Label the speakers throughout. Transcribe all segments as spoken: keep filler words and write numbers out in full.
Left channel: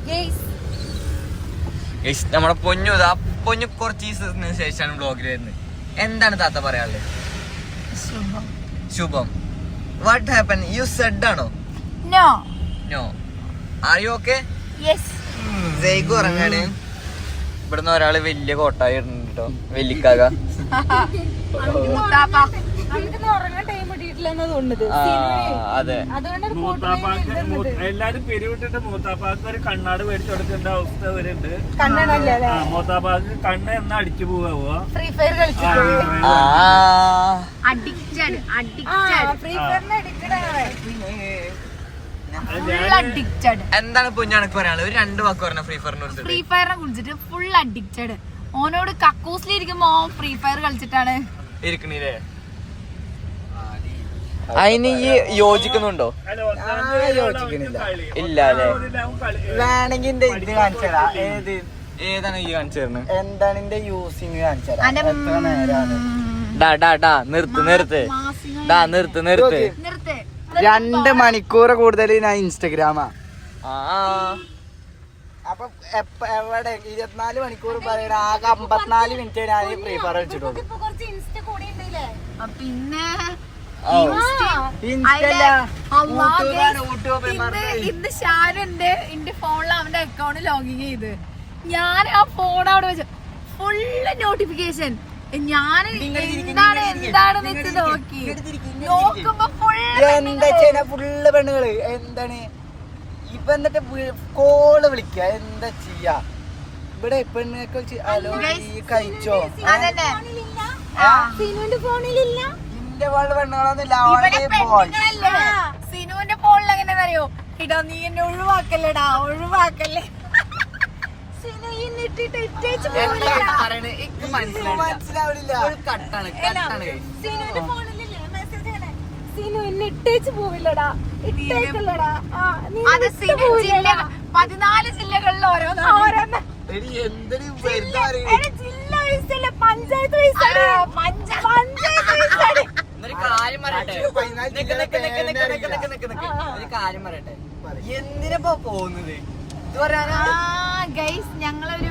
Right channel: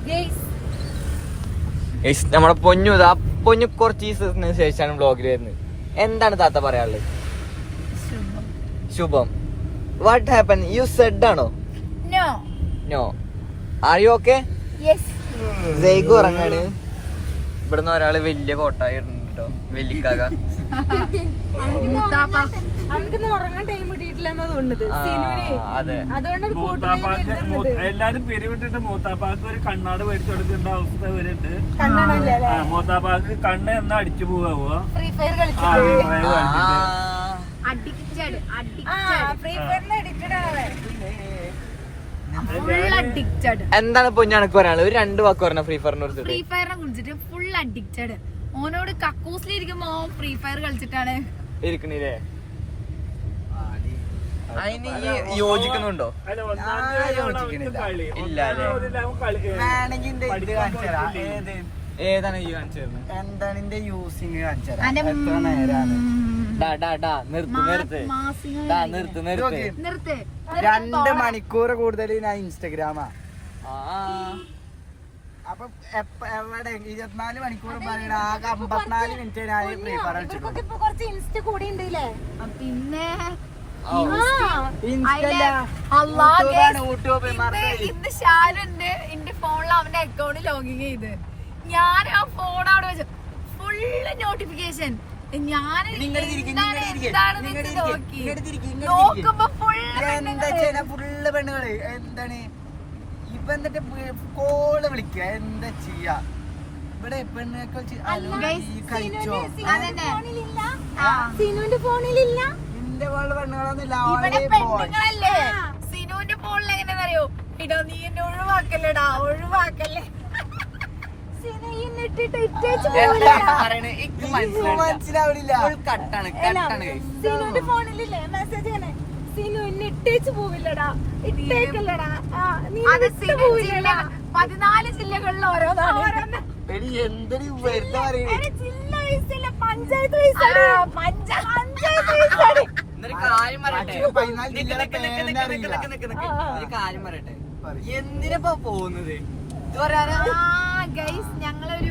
Speaker 1: നമ്മളെ പൊന്നു ആ പൊന്നു കുറച്ച് ദിവസത്തിന് ശേഷമാണ് വ്ളോഗിൽ വരുന്നത്. എന്താണ് താത്ത പറയാനുള്ളത്? ശുഭം. What happen? യു സെഡ് ആണോ?
Speaker 2: No
Speaker 1: no. Are you okay?
Speaker 2: Yes.
Speaker 1: Jake ഉറങ്ങാണ്. ഇവിടുന്ന് ഒരാള് വലിയ കോട്ടായി ഇട്ടോ, വെല്ലിക്കാക. അതെ,
Speaker 3: എല്ലാരും പിരിവിട്ടിട്ട് മൂത്താപ്പാക്ക് ഒരു കണ്ണാട് മേടിച്ചു കൊടുക്കേണ്ട അവസ്ഥ വരുന്നുണ്ട്. മൂത്താപ്പാക്ക് കണ്ണ് എന്നാ അടിച്ചു പോവാ.
Speaker 1: എന്താണ് പൊന്നാണക്ക് പറയാനുള്ളത്? ഒരു രണ്ട് വാക്ക് പറഞ്ഞ ഫ്രീ ഫയറിനെ കുറിച്ച്.
Speaker 2: ഫ്രീ ഫയറിനെ കുറിച്ചിട്ട് ഫുൾ അഡിക്റ്റഡ്. ഓനോട് കക്കൂസിലിരിക്കുമ്പോ ഫ്രീ ഫയർ കളിച്ചിട്ടാണ്
Speaker 1: ഇരിക്കണില്ലേ? അതിന് ഈ യോജിക്കുന്നുണ്ടോ? ഇല്ല അല്ലേ?
Speaker 4: വേണമെങ്കിൽ കാണിച്ചു തരാം. ഏത്
Speaker 1: ഏതാണ് ഈ കാണിച്ചു തരുന്നത്?
Speaker 4: എന്താണ് എന്റെ യൂസിങ് കാണിച്ചു തരാം. എത്ര നേരാണ്?
Speaker 1: നിർത്ത് നിർത്ത് നിർത്ത് നിർത്ത്
Speaker 2: നിർത്ത്.
Speaker 4: രണ്ട് മണിക്കൂർ കൂടുതൽ ഞാൻ ഇൻസ്റ്റഗ്രാമാ. അപ്പൊ എവിടെ ഇരുപത്തിനാല് മണിക്കൂർ പറയണ ആകെ അമ്പത്തിനാല് മിനിറ്റ് ഞാൻ ഫ്രീ ഫയർ കളിച്ചിട്ടുള്ളൂ.
Speaker 2: പിന്നെ ഇന്ന് ഷാനുണ്ട് എന്റെ ഫോണിൽ അവന്റെ അക്കൗണ്ട് ലോഗിൻ ചെയ്ത് ഞാൻ ആ ഫോൺ അവിടെ വെച്ചു ഫുള്ള് നോട്ടിഫിക്കേഷൻ. ഞാൻ എന്താണ് എന്താണ് വെച്ച് നോക്കി നോക്കുമ്പോ
Speaker 4: എന്താ ഫുള്ള് പെണ്ണുകള് എന്താണ് ഇപ്പൊ എന്നിട്ട് കോള് വിളിക്ക എന്താ ചെയ്യാ ഇവിടെ പെണ്ണുങ്ങൾക്ക് കഴിച്ചോ?
Speaker 2: അതന്നെ
Speaker 5: സിനുവിന്റെ ഫോണിലില്ല.
Speaker 4: എന്റെ ഫോണില് പെണ്ണുങ്ങളൊന്നുമില്ല.
Speaker 2: സിനുവിന്റെ ഫോണിൽ എങ്ങനെയാ അറിയോ? ഇടാ നീ എന്നെ ഒഴിവാക്കല്ലേടാ, ഒഴിവാക്കല്ലേ.
Speaker 4: മനസ്സിലാവില്ല.
Speaker 5: സിനുവിന്റെ ഫോണിലില്ലേ മെസ്സേജ് ഇങ്ങനെ സിനു എന്നെ ഇട്ടേച്ച് പോവില്ലടാ, ഇട്ടേക്കല്ലടാ.
Speaker 2: പതിനാല് ജില്ലകളിൽ ഓരോന്നാണ്.
Speaker 5: പഞ്ചായത്ത്
Speaker 1: കാര്യം പറയട്ടെ, കാര്യം പറയട്ടെ. എന്തിനാ പോകുന്നത്? ഇത് പറയാനാ
Speaker 2: ഞങ്ങളൊരു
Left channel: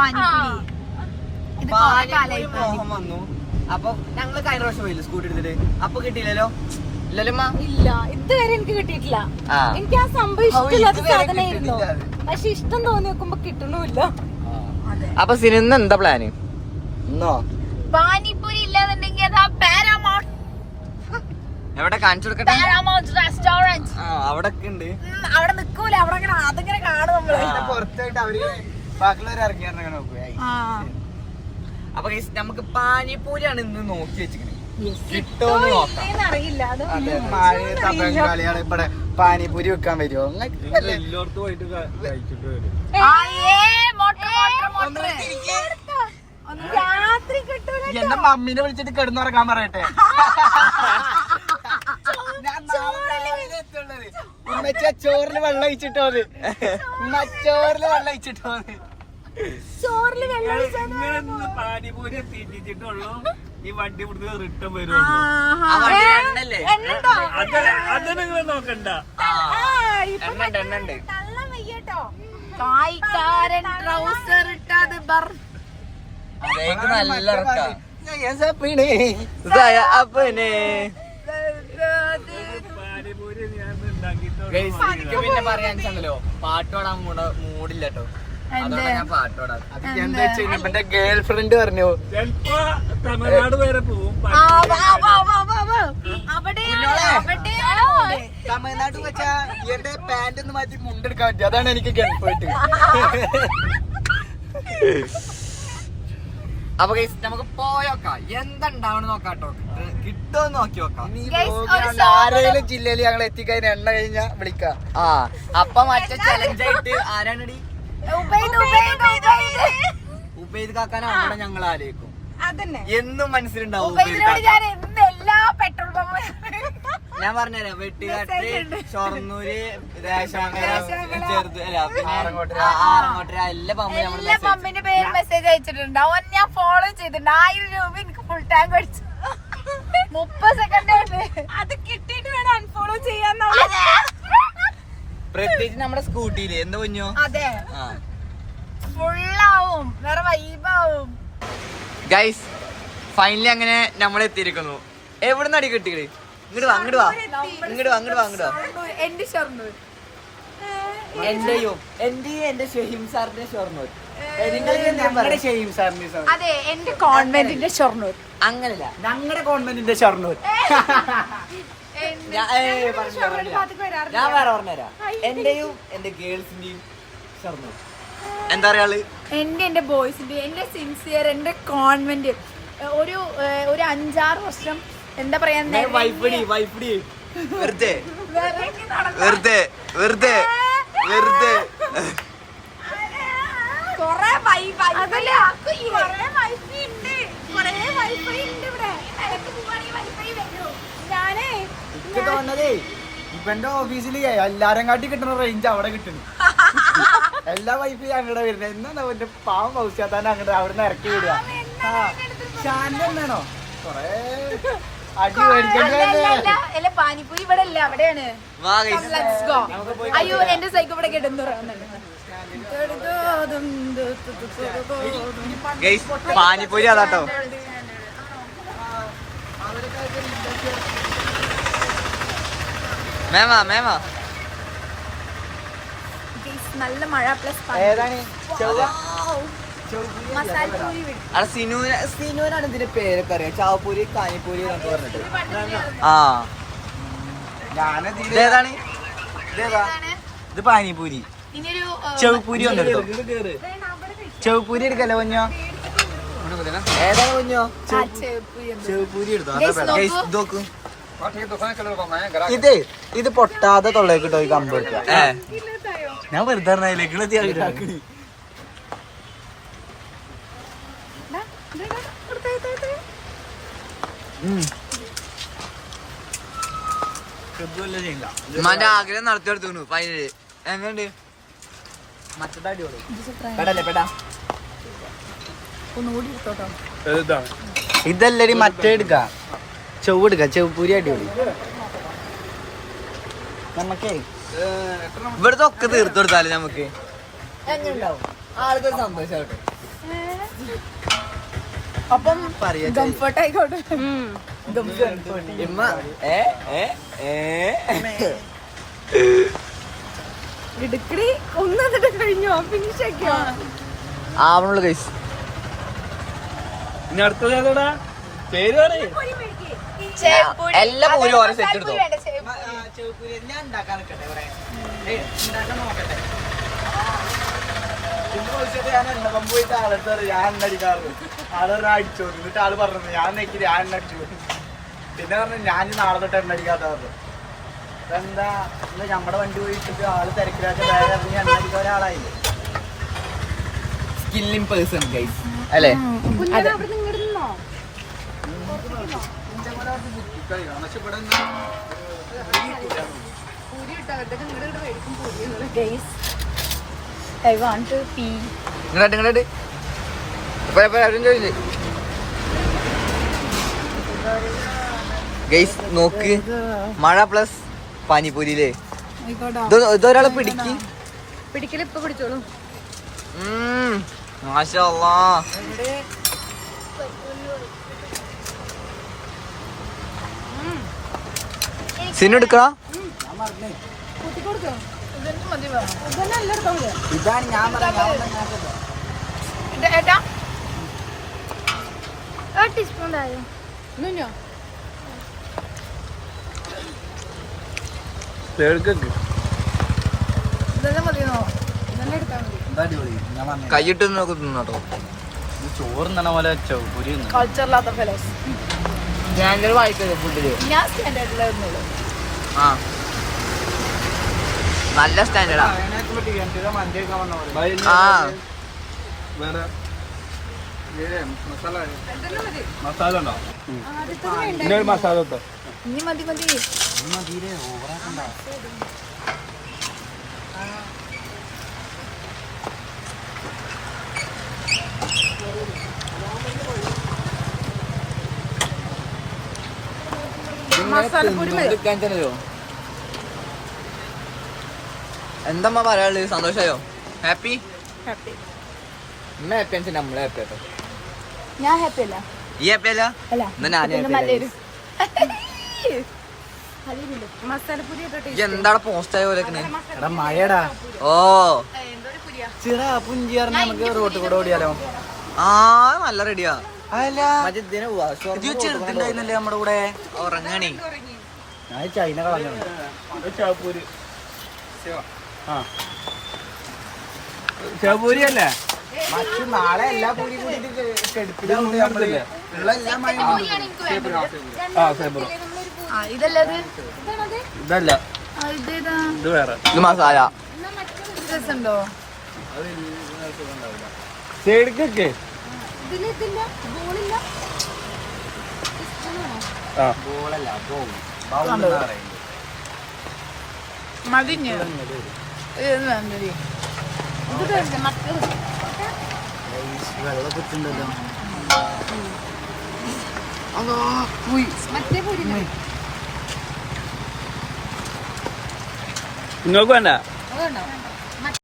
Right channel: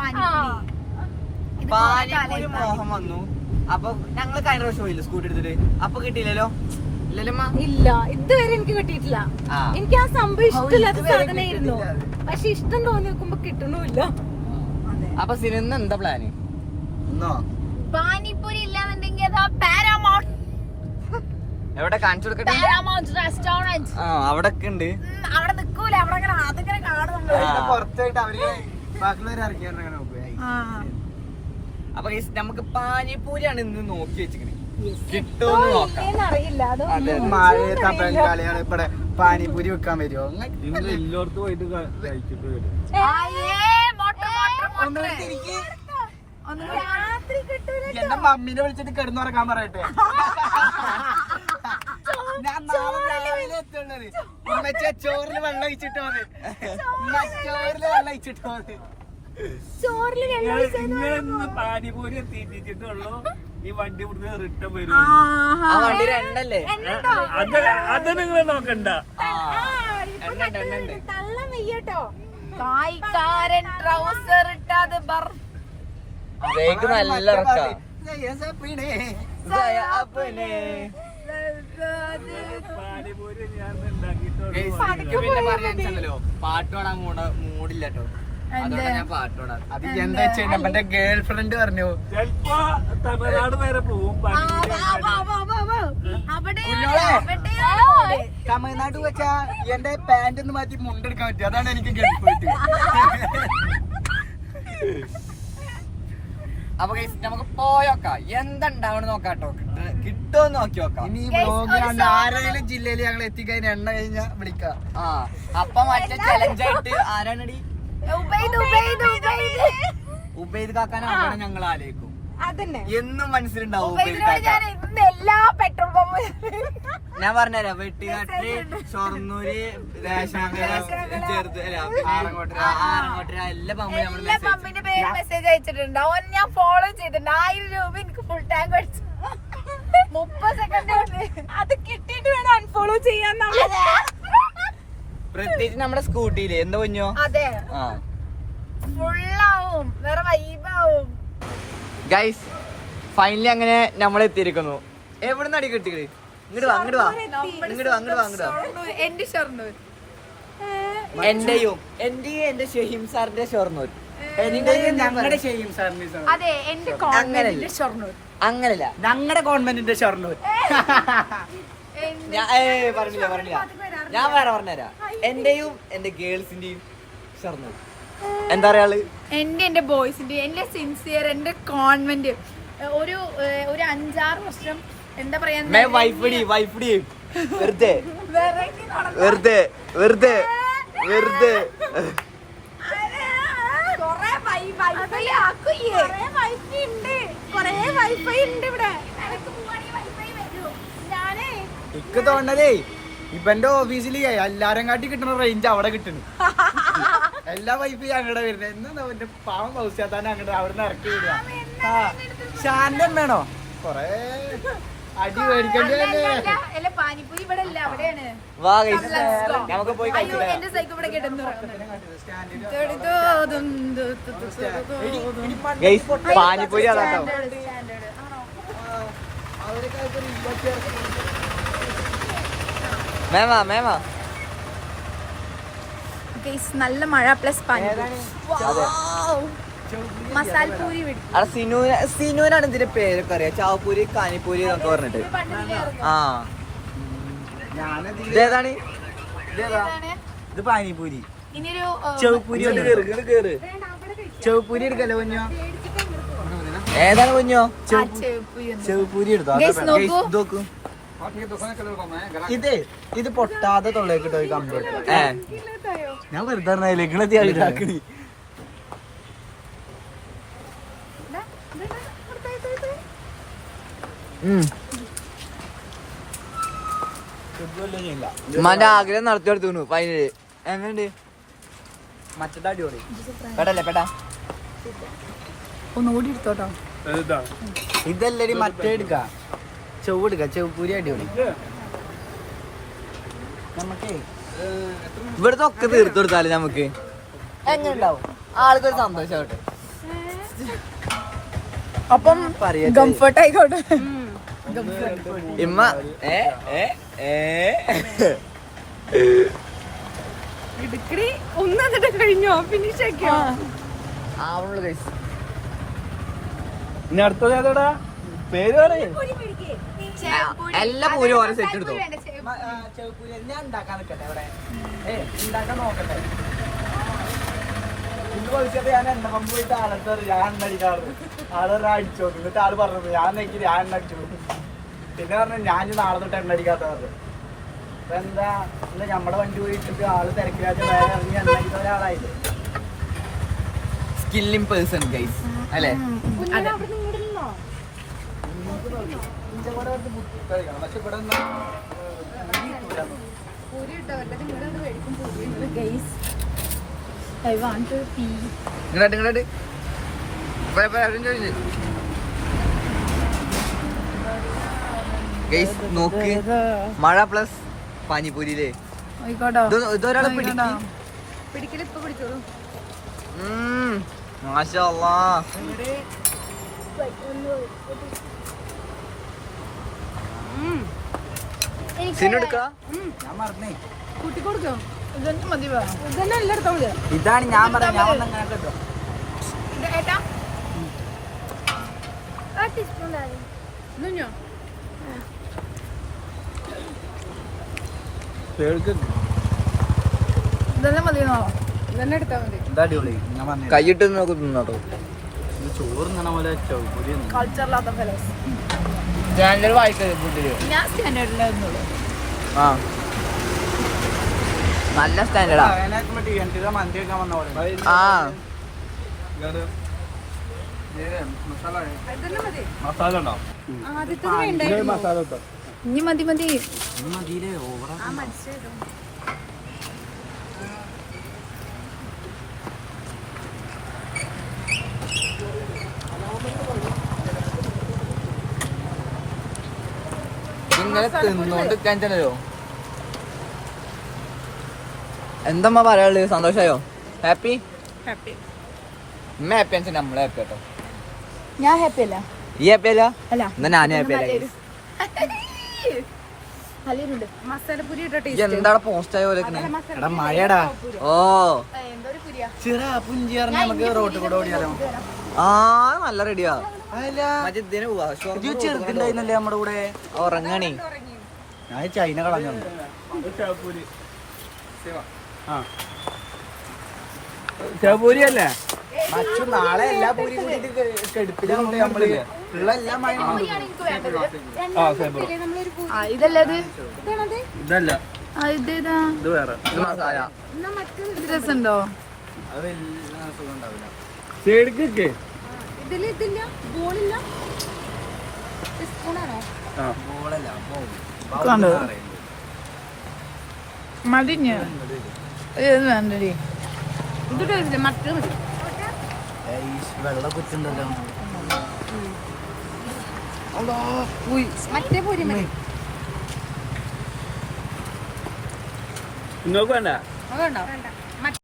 Speaker 1: പാനിപ്പൂരി മോഹം വന്നു. അപ്പൊ ഞങ്ങള് കഴിഞ്ഞ പ്രാവശ്യം പോയില്ല സ്കൂട്ടി എടുത്തിട്ട്. അപ്പൊ കിട്ടിയില്ലല്ലോ? ഇല്ലല്ലോ.
Speaker 5: ഇല്ല, ഇതുവരെ എനിക്ക് കിട്ടിയിട്ടില്ല. എനിക്ക് ആ സംഭവം ഇഷ്ടമില്ലാത്ത സാധനമായിരുന്നു. പക്ഷെ ഇഷ്ടം തോന്നി നോക്കുമ്പോ കിട്ടണമില്ല.
Speaker 1: അപ്പൊ സിനിമ എന്താ പ്ലാന്?
Speaker 2: പാനിപ്പൂരി ഇല്ലാന്നുണ്ടെങ്കിൽ അതാ പാരാമൗണ്ട്.
Speaker 1: എവിടെ കാണിച്ചു കൊടുക്കട്ടെ?
Speaker 2: പാരാമൗണ്ട് റെസ്റ്റോറന്റ്
Speaker 1: അവിടെ ഉണ്ട്.
Speaker 2: അവിടെ നിക്കൂല, അവിടെ അങ്ങനെ അതിങ്ങനെ കാണും നമ്മള്.
Speaker 1: അപ്പൊ നമുക്ക് പാനിപ്പൂരിയാണ് ഇന്ന് നോക്കി വെച്ചിരിക്കണേ. കിട്ടുമെന്ന് നോക്കാം.
Speaker 4: ബംഗാളിയാണ് ഇവിടെ പാനിപൂരി വെക്കാൻ പറ്റുമോ?
Speaker 3: എല്ലായിടത്തും പോയിട്ട് കഴിച്ചിട്ട് വരും.
Speaker 4: എന്റെ മമ്മീനെ വിളിച്ചിട്ട് കിടന്നുറങ്ങാൻ പറയട്ടെ. ഞാൻ നാളെ രാവിലെ എത്തുള്ളത്. ഉമ്മച്ച ചോറില് വെള്ളം ഒഴിച്ചിട്ടോ? അത് ചോറില് വെള്ളം ഒഴിച്ചിട്ടോ?
Speaker 5: ചോറില് വെള്ളം
Speaker 3: പാനിപൂരി തീറ്റിച്ചിട്ടുള്ളൂ. ഈ വണ്ടി ഇവിടുന്ന് റിട്ടേൺ വരുള്ളൂ.
Speaker 1: ആ വണ്ടി എണ്ണല്ലേ?
Speaker 3: അത് നിങ്ങൾ നോക്കണ്ട.
Speaker 1: എണ്ണണ്ട് എണ്ണണ്ട്.
Speaker 5: തള്ളം വെയ്യട്ടോ.
Speaker 2: കായ്ക്കാരൻ ട്രൗസർ ഇട്ടത് ബർ
Speaker 1: നല്ല
Speaker 3: പാനിപൂരി ഞാൻ ഉണ്ടാക്കിയിട്ടുള്ളൂ.
Speaker 1: പിന്നെ പറയാനുണ്ടല്ലോ, പാട്ടോടാൻ മൂടില്ല കേട്ടോ. അതോടെ ഞാൻ പാട്ടോടാം.
Speaker 4: അത് എന്താ വെച്ചാൽ എന്റെ ഗേൾ ഫ്രണ്ട് പറഞ്ഞു
Speaker 3: ചിലപ്പോ തമിഴ്നാട് വരെ പോവും.
Speaker 4: തമിഴ്നാട് വെച്ചാ എന്റെ പാന്റ് ഒന്ന് മാറ്റി മുണ്ടെടുക്കാൻ പറ്റും. അതാണ് എനിക്ക് ഗൾഫായിട്ട്.
Speaker 1: അപ്പൊ നമുക്ക് പോയോക്കാം, എന്തുണ്ടാവണം നോക്കാട്ടോ. കിട്ടുമോ നോക്കി നോക്കാം.
Speaker 4: ആരെങ്കിലും ജില്ലയിൽ ഞങ്ങൾ എത്തിക്കഴിഞ്ഞ എണ്ണ കഴിഞ്ഞാ വിളിക്കാം.
Speaker 1: ആ അപ്പൊ മറ്റേ ചലഞ്ചായിട്ട് ആരാണടി? ഉബൈദ് കാക്കാനെ അവിടെ ഞങ്ങൾ ആലോചിക്കും. എന്നും മനസ്സിലുണ്ടാവും ഉബൈദ് കാക്ക.
Speaker 2: എല്ലാ പെട്രോൾ പമ്പ്
Speaker 1: ഞാൻ പറഞ്ഞല്ലോ, വെട്ടുകാട്ട്, ഷൊർണൂര്, ദേശാങ്കര, ചെറുത് അല്ല പിന്നെ ആറങ്ങോട്ടര എല്ലാ പമ്പ്
Speaker 2: എല്ലാ പമ്പിന്റെ പേര് മെസ്സേജ് അയച്ചിട്ടുണ്ട്. അവൻ ഞാൻ ഫോളോ ചെയ്തിട്ടുണ്ട്. ആയിരം രൂപ എനിക്ക് ഫുൾ ടാങ്ക് അടിച്ചു. മുപ്പത് സെക്കൻഡ് അത് കിട്ടിയിട്ട് അൺഫോളോ ചെയ്യാൻ.
Speaker 1: പ്രത്യേകിച്ച് നമ്മുടെ സ്കൂട്ടിയില് എന്താ കുഞ്ഞോ.
Speaker 2: അതെ ഫുള്ളാവും വേറെ വൈബാവും.
Speaker 1: ഗൈസ് ഫൈനലി അങ്ങനെ നമ്മൾ എത്തിയിരിക്കുന്നു. എവിടുന്ന് അടി കിട്ടിയത്? ഇങ്ങോട്ട് വാ ഇങ്ങോട്ട് വാ ഇങ്ങോട്ട് വാ ഇങ്ങോട്ട് വാ ഇങ്ങോട്ട് വാ.
Speaker 2: എന്റെ ഷൊർണൂർ
Speaker 1: എന്റെയും എന്റെയും എന്റെ ഷഹീം സാറിന്റെ ഷൊർണൂർ.
Speaker 4: ഞങ്ങളുടെ ഷെയ്യും സാറിന്റെ ഷൊർണൂർ.
Speaker 2: അതെ എന്റെ കോൺവെന്റിന്റെ ഷൊർണൂർ.
Speaker 1: അങ്ങനല്ല
Speaker 4: ഞങ്ങളുടെ ഗവൺമെന്റിന്റെ ഷൊർണൂർ.
Speaker 1: ഞാൻ ഏയ് പറഞ്ഞില്ല പറഞ്ഞില്ല ഞാൻ വേറെ പറഞ്ഞുതരാം. എന്റെയും എന്റെ ഗേൾസിന്റെയും ഷൊർണൂർ. എന്താ പറയാള്?
Speaker 2: എന്റെ എന്റെ ബോയ്സിന്റെ എന്റെ സിൻസിയർ എന്റെ കോൺവെന്റ് ഒരു ഏഹ്, ഒരു അഞ്ചാറ് വർഷം എന്താ പറയാ
Speaker 1: വൈഫടി വൈഫടി വെറുതെ വെറുതെ വെറുതെ വെറുതെ
Speaker 4: എനിക്ക് തോന്നതേ ഇവന്റെ ഓഫീസിൽ എല്ലാരും കാട്ടി കിട്ടുന്ന റേഞ്ച് അവിടെ കിട്ടണ. എല്ലാ വൈഫൈ അങ്ങടെ വരുന്നത്. എന്നാ അവന്റെ പാവം പൗസ്യാത്താൻ അങ്ങോട്ട് അവിടെ നിന്ന് ഇറക്കി വിടുക. ആ ഷാന്റെ അമ്മയാണോ കൊറേ അടി മേടിക്കണ്ടേ?
Speaker 2: പാനിപ്പൂരി ഇവിടെ അല്ല അവിടെയാണ്.
Speaker 1: വാ guys.
Speaker 2: Let's go.
Speaker 1: നമുക്ക് പോയി
Speaker 2: അയ്യോ എന്റെ സൈക്കിൾ ഇവിടെ കിടന്നു.
Speaker 1: ഗൈസ് പാനിപ്പൂരി അതാട്ടോ. മേമാ മേമാ
Speaker 2: നല്ല മഴ പ്ലസ് മസാലപ്പൂരി വിട്ടു.
Speaker 1: അവിടെ സിനൂന സിനൂനാണ് ഇതിന്റെ പേരൊക്കെ അറിയാം. ചാവപ്പൂരി കാനിപ്പൂരി എന്നൊക്കെ പറഞ്ഞിട്ട്. ആ
Speaker 4: ഞാനത്
Speaker 1: ഇതേതാണ്?
Speaker 4: ഇതേതാ? ഇത് പാനിപൂരി.
Speaker 2: ഇനിയൊരു
Speaker 4: ചെവുപൂരി ഉണ്ട്. ചെവുപൂരി എടുക്കല്ലോ കുഞ്ഞോ.
Speaker 1: ഏതാണ് കുഞ്ഞോ?
Speaker 4: ചെവുപൂരി എടുത്തോ.
Speaker 2: Guys,
Speaker 4: അതാ
Speaker 1: ഗൈസ്
Speaker 2: നോക്കൂ.
Speaker 1: നോക്കൂ.
Speaker 4: ഇത് ഇത് പൊട്ടാതെ തൊള്ളേക്ക് ഇട്ടോ ഈ കമ്പ് വെക്കുക.
Speaker 1: ഏ
Speaker 4: ഞാൻ വെറുതെ പറഞ്ഞാലേ നിങ്ങളെത്തി
Speaker 1: ഉമ്മാന്റെ ആഗ്രഹം നടത്തിയെടുത്തു ഫൈനല്. എങ്ങനെയുണ്ട്? പെടല്ലേ പെടാ.
Speaker 4: ഇതല്ലടി മറ്റേ എടുക്ക. ചെവ് എടുക്ക. ചെവുപൂരി അടിപൊളി. നമുക്കേ
Speaker 1: ഇവിടുത്തെ ഒക്കെ തീർത്തു കൊടുത്താലേ നമുക്ക് എങ്ങനെ ഉണ്ടാവും? ആൾക്കൊരു സന്തോഷാവട്ടെ.
Speaker 2: അപ്പം
Speaker 4: പറയാ
Speaker 2: കംഫർട്ട് ആയിക്കോട്ടെ.
Speaker 1: ഇമ്മ ഏ ഏ ഏ
Speaker 5: ഇടുക്കടി ഒന്നിട്ട് കഴിഞ്ഞോ? ഫിനിഷ് ആക്കിയോ?
Speaker 1: ആവണുള്ളൂ ഗൈസ്.
Speaker 3: ഇനി അടുത്തത് ഏതാടാ പേര് പറയേ?
Speaker 1: എല്ലാ പൂരും ഓരോ സെറ്റ് എടുത്തോ.
Speaker 4: ചെവുപൂരി ഞാൻ ഉണ്ടാക്കാൻ നിൽക്കട്ടെ ഇവിടെ. ഏയ് ഉണ്ടാക്കാൻ നോക്കട്ടെ. ഞാൻ എണ്ണ പമ്പ് പോയിട്ട് ആളെടുത്ത് ഞാൻ എണ്ണ അടിക്കാറ്. ആളൊരു അടിച്ചോട്ടു. എന്നിട്ട് ആള് പറഞ്ഞത് ഞാൻ നെക്കി ഞാൻ എണ്ണ അടിച്ചു. പിന്നെ പറഞ്ഞു ഞാൻ നാളെ തൊട്ട് എണ്ണ അടിക്കാത്ത പറഞ്ഞു. എന്താ ഇന്ന് നമ്മുടെ വണ്ടി പോയി ഇട്ടിട്ട് ആള് തിരക്കിലായിട്ട് വേറെ ഇറങ്ങി എണ്ണ അടിക്കാൻ ആളായില്ലേ.
Speaker 1: സ്കില്ലിംഗ് പേഴ്സൺ ഗൈസ് അല്ലേ?
Speaker 4: പക്ഷെ ഇവിടെ
Speaker 2: I want to pee.
Speaker 1: ഇങ്ങോട്ട് ഇങ്ങോട്ട് ഗൈസ് നോക്ക്. മഴ പ്ലസ് പാനിപ്പൂരിയില്ലേ?
Speaker 2: ആയിക്കോട്ടോ.
Speaker 1: ഇത് ഇതൊരാളെ പിടിക്ക്.
Speaker 2: പിടിക്കല് ഇപ്പൊ പിടിച്ചോളൂ.
Speaker 1: ഉം, മാഷാ അല്ലാ. സിനു എടുക്കടാ.
Speaker 4: ഇതാണ് ഞാൻ പറഞ്ഞത്. അടിപൊളി. ഞാൻ പറഞ്ഞു
Speaker 1: കൈയിട്ട് നോക്കി തിന്നോട്ടോ.
Speaker 4: ചോറ് തിന്നണ പോലെ ചെവുപൂരി
Speaker 2: കൾച്ചറില്ലാത്ത ഫെലോസ്.
Speaker 1: സ്റ്റാൻഡേർഡ് വായിക്കരുത് ഫുഡില്.
Speaker 2: ഞാൻ സ്റ്റാൻഡേർഡിലായിരുന്നുള്ളൂ.
Speaker 1: ആ നല്ല സ്റ്റാൻഡേർഡാ. ആ
Speaker 3: വേറെ മസാല മസാല ഉണ്ടോ? ഇന്നൊരു മസാല ഇട്ടോ.
Speaker 2: ഇനി മതി മതി.
Speaker 4: മതിരെ ഓവറാക്കണ്ട.
Speaker 1: ഇങ്ങനെ തിന്നോണ്ടിരിക്കാൻ ചെല്ലോ. എന്താ പറയാനുള്ളത്? സന്തോഷമായോ? ഹാപ്പി?
Speaker 5: ഹാപ്പി.
Speaker 1: ഉമ്മ ഹാപ്പി ആണെന്ന് നമ്മളെ ഹാപ്പി കേട്ടോ.
Speaker 5: ഞാൻ ഹാപ്പി അല്ല.
Speaker 1: ഈ ഹാപ്പി അല്ല?
Speaker 5: അല്ല.
Speaker 1: എന്നാ ഞാനും ഹാപ്പി അല്ല.
Speaker 5: മസാലപ്പുരി ഇട്ടിട്ട്
Speaker 1: എന്താണ് പോസ്റ്റ് ആയ പോലെ
Speaker 4: എടാ മഴടാ.
Speaker 1: ഓ
Speaker 4: ചിറ പുഞ്ചി പറഞ്ഞ നമുക്ക് റോട്ടിൽ കൂടെ ഓടിയാലോ?
Speaker 1: ആ നല്ല റെഡിയാ.
Speaker 4: അല്ല ചെറുതുണ്ടായിരുന്നല്ലേ നമ്മുടെ കൂടെ?
Speaker 1: ഉറങ്ങണി.
Speaker 4: ഞാൻ ചൈന കളഞ്ഞോണ്ട്.
Speaker 3: ആ ശവപൂരി അല്ലേ?
Speaker 4: നാളെ എല്ലാ
Speaker 3: എടുത്തില്ലേ? ആ ശേപൂർ
Speaker 2: ഇതല്ലത്
Speaker 3: ഇതല്ല,
Speaker 2: ഇതേതാ?
Speaker 3: ഇത് വേറെ.
Speaker 1: ഇത് മസാല.
Speaker 2: രസമുണ്ടോ?
Speaker 3: സൈഡിക്കൊക്കെ ആ
Speaker 2: മതിഞ്ഞ് ഇത് വേണ്ടടി. ഇത് ടേസ്റ്റ് മറ്റേത്
Speaker 4: വെള്ളം കുത്തുണ്ടല്ലോ.
Speaker 2: മറ്റേ പൊരി
Speaker 3: നിങ്ങൾക്ക് വേണ്ട?
Speaker 2: വേണ്ട